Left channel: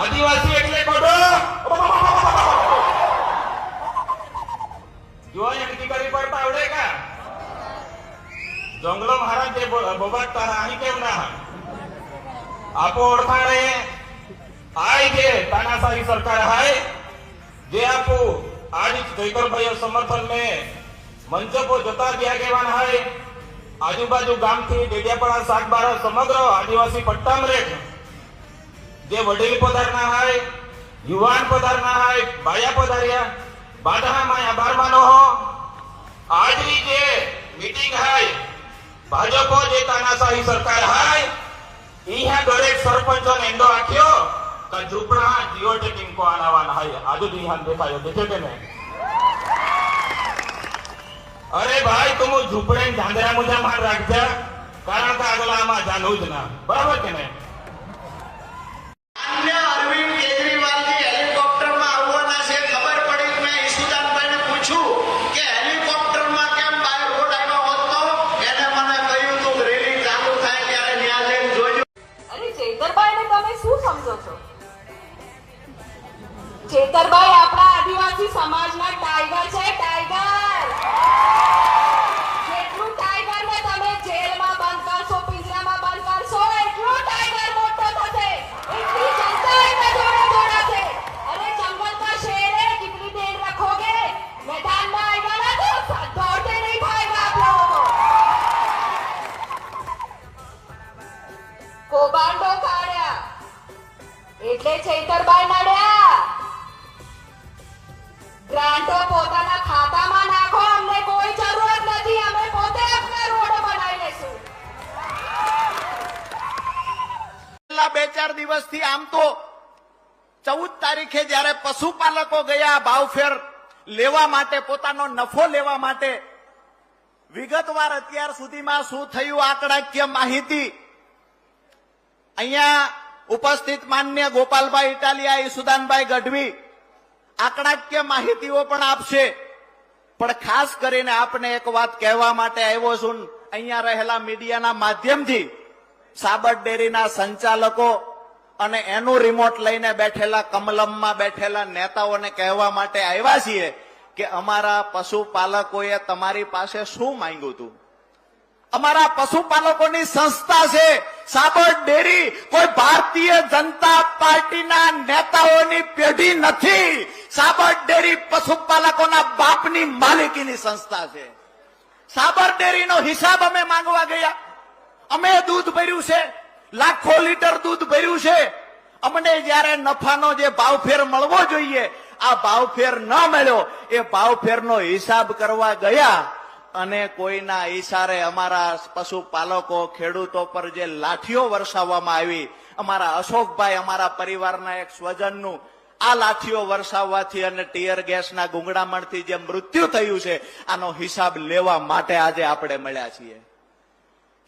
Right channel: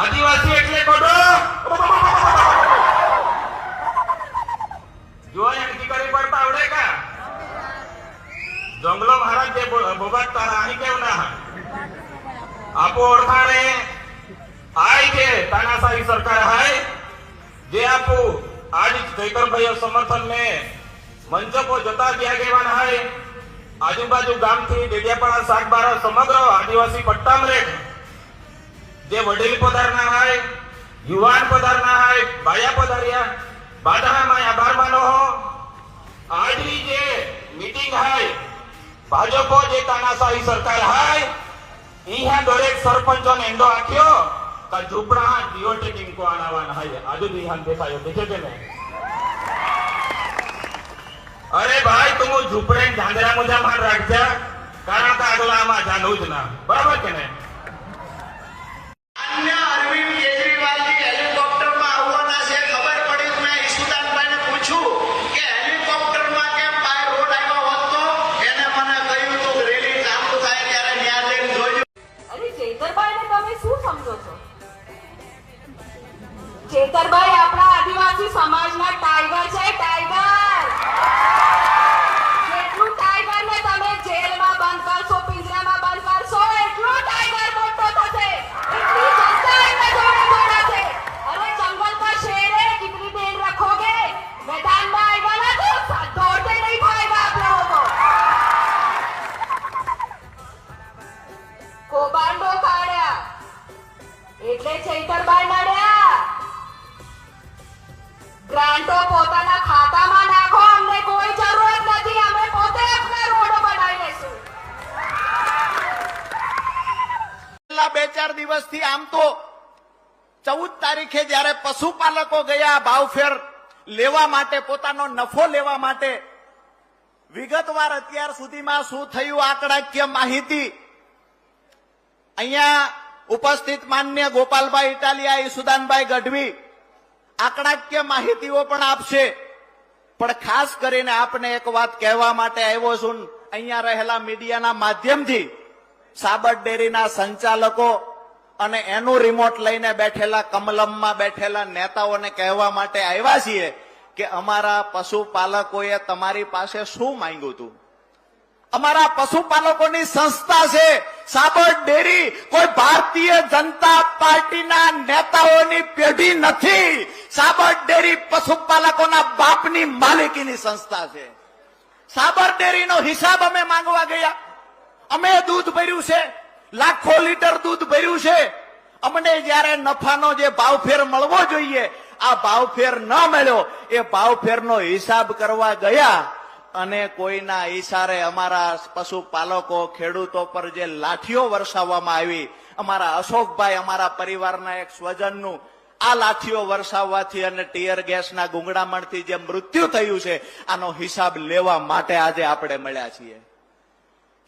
આદિવાસી એટલે ખોટો જોવા અધિકારી કોઈ પાવડે કા જંગલો મહારાજ જે બબડતા આની કેવું ના આપો ઓળખાણે આય કે તાનાશાही सरकार है जे आपको आज जयकर भाई समर्थन में मंच को जता दिया गया है आजूबाजू गाम थी डेडियापड़ा सागबारा समग्र आदिवासी पट्टा में जे वडील पधारना है युवान पधारना है बाया पधारिया बाधा में आभार मानो हो आज ही जे मीटिंग है भाजपा जे तानाशाही सरकार है यहाँ दरेक सरपंच ने एंडो राख्यो झूपड़ा जियो टेकिंग को आनावाना है आज यहाँ देखा देखे के नहीं अरे भाई तुम झूपड़े झांझरा मुझा मार रख जा कारण का अगला में जानू ज ना बराबर के नहीं अरविंद केजरीवाल जी हेलिकॉप्टर में आववाना छे खबर पड़ी मैं ईશુદાનભાઈ ने पूछू कि हेलिकॉप्टर में केम बाय रोड આવ્યો હતો એને મને કહ્યું તો રેલી ચાલુ થાય ત્યારે ન્યા લઈને જોજો અરે ચેતરભાઈને તમે શું સમજો છો ચેતરભાઈ આપણા આદિવાસી સમાજના ટાઈગર છે ટાઈગર જેટલું ટાઈગર ને તમે જેલમાં બંધ કરશો પિંજરામાં બંધ કરશો એટલું ટાઈગર મોટો થશે એટલી જનતા એના જોડે જોડાશે અરે जंगल का शेर है कितनी देर रखोगे मैदान में आएगा ना तो दौड़ते नहीं खाएगा आप लोगों को कोबांडो काढ्या એટલે ચૈતરભાઈ નડ્યા ગ્રાન્ટો પોતાના ખાતામાં નાખો અમને કોઈ જરૂરત નથી અમે પોતે આપણા રોડો બનાવી લેશું છેલ્લા 2-4 દિવસથી આમ તો 14 તારીખે જ્યારે પશુપાલકો ગયા ભાવફેર લેવા માટે પોતાનો નફો લેવા માટે વિગતવાર અત્યાર સુધીમાં શું થયું આંકડાકીય માહિતી અહીંયા ઉપસ્થિત માન્ય ગોપાલભાઈ ઇટાલિયા ઈશુદાનભાઈ ગઢવી આંકડાકીય માહિતીઓ પણ આપશે પણ ખાસ કરીને આપને એક વાત કહેવા માટે આવ્યો છું અહીંયા રહેલા મીડિયાના માધ્યમથી સાબર ડેરીના સંચાલકો અને એનું રિમોટ લઈને બેઠેલા કમલમમાં બેઠેલા નેતાઓને કહેવા માટે આવ્યા છીએ કે અમારા પશુપાલકોએ તમારી પાસે શું માંગ્યું હતું અમારા પશુપાલકોની સંસ્થા છે સાબર ડેરી કોઈ ભારતીય જનતા પાર્ટીના નેતાઓની પેઢી નથી સાબર ડેરી પશુપાલકોના બાપની માલિકીની સંસ્થા છે સાબર ડેરીનો હિસાબ અમે માંગવા ગયા અમે દૂધ ભર્યું છે લાખો લીટર દૂધ ભર્યું છે અમને જ્યારે નફાનો જે ભાવફેર મળવો જોઈએ આ ભાવફેર ન મળ્યો એ ભાવફેરનો હિસાબ કરવા ગયા અને કોઈના ઈશારે અમારા પશુપાલકો ખેડૂતો પર જે લાઠીઓ વરસાવવામાં આવી અમારા અશોકભાઈ અમારા પરિવારના એક સ્વજનનું આ લાઠીઓ વરસાવવાથી અને ટીયર ગેસના ગુંગળામણથી જે મૃત્યુ થયું છે આનો હિસાબ લેવા માટે આજે આપણે મળ્યા છીએ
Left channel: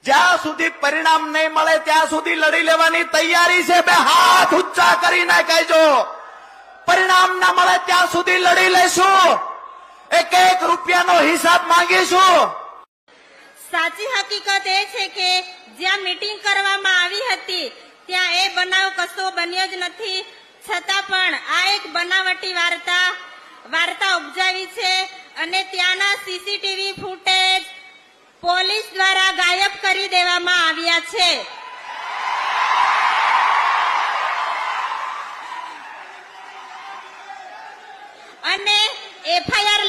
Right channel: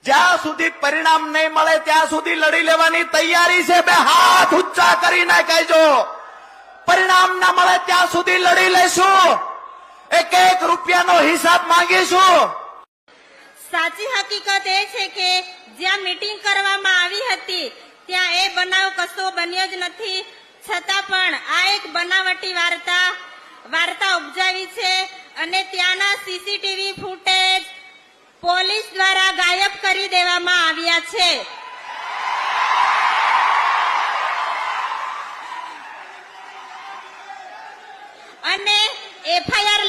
જ્યાં સુધી પરિણામ નહીં મળે ત્યાં સુધી લડી લેવાની તૈયારી છે બે હાથ ઊંચા કરીને કહેજો પરિણામ ના મળે ત્યાં સુધી લડી લેશું એક એક રૂપિયાનો હિસાબ માંગીશું સાચી હકીકત એ છે કે જ્યાં મીટિંગ કરવામાં આવી હતી ત્યાં એ બનાવ કશો બન્યો જ નથી છતાં પણ આ એક બનાવટી વાર્તા ઉપજાવી છે અને ત્યાંના સીસીટીવી ફૂટેજ પોલીસ દ્વારા ગાયબ કરી દેવામાં આવ્યા છે અને એફઆઈઆર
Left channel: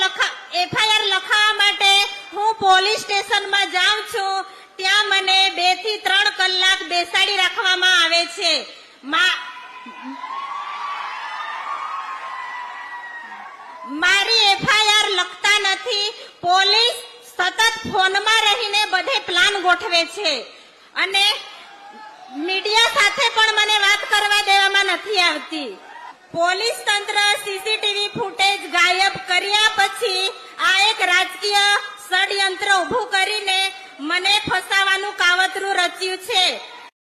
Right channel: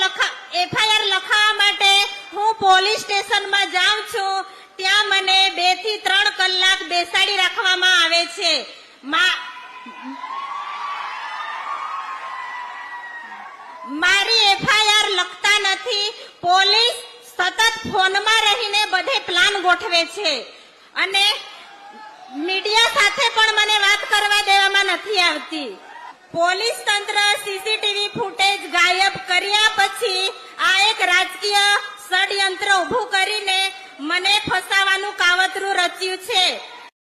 લખાવવા માટે હું પોલીસ સ્ટેશનમાં જાઉં છું ત્યાં મને 2 થી 3 કલાક બેસાડી રાખવામાં આવે છે મારી એફઆઈઆર લખતા નથી પોલીસ સતત ફોનમાં રહીને બધે પ્લાન ગોઠવે છે અને મીડિયા સાથે પણ મને વાત કરવા દેવામાં નથી આવતી પોલીસ તંત્ર સીસીટીવી ફૂટેજ ગાયબ કર્યા પછી આ એક રાજકીય ષડયંત્ર ઉભું કરીને મને ફસાવાનું કાવતરું રચ્યું છે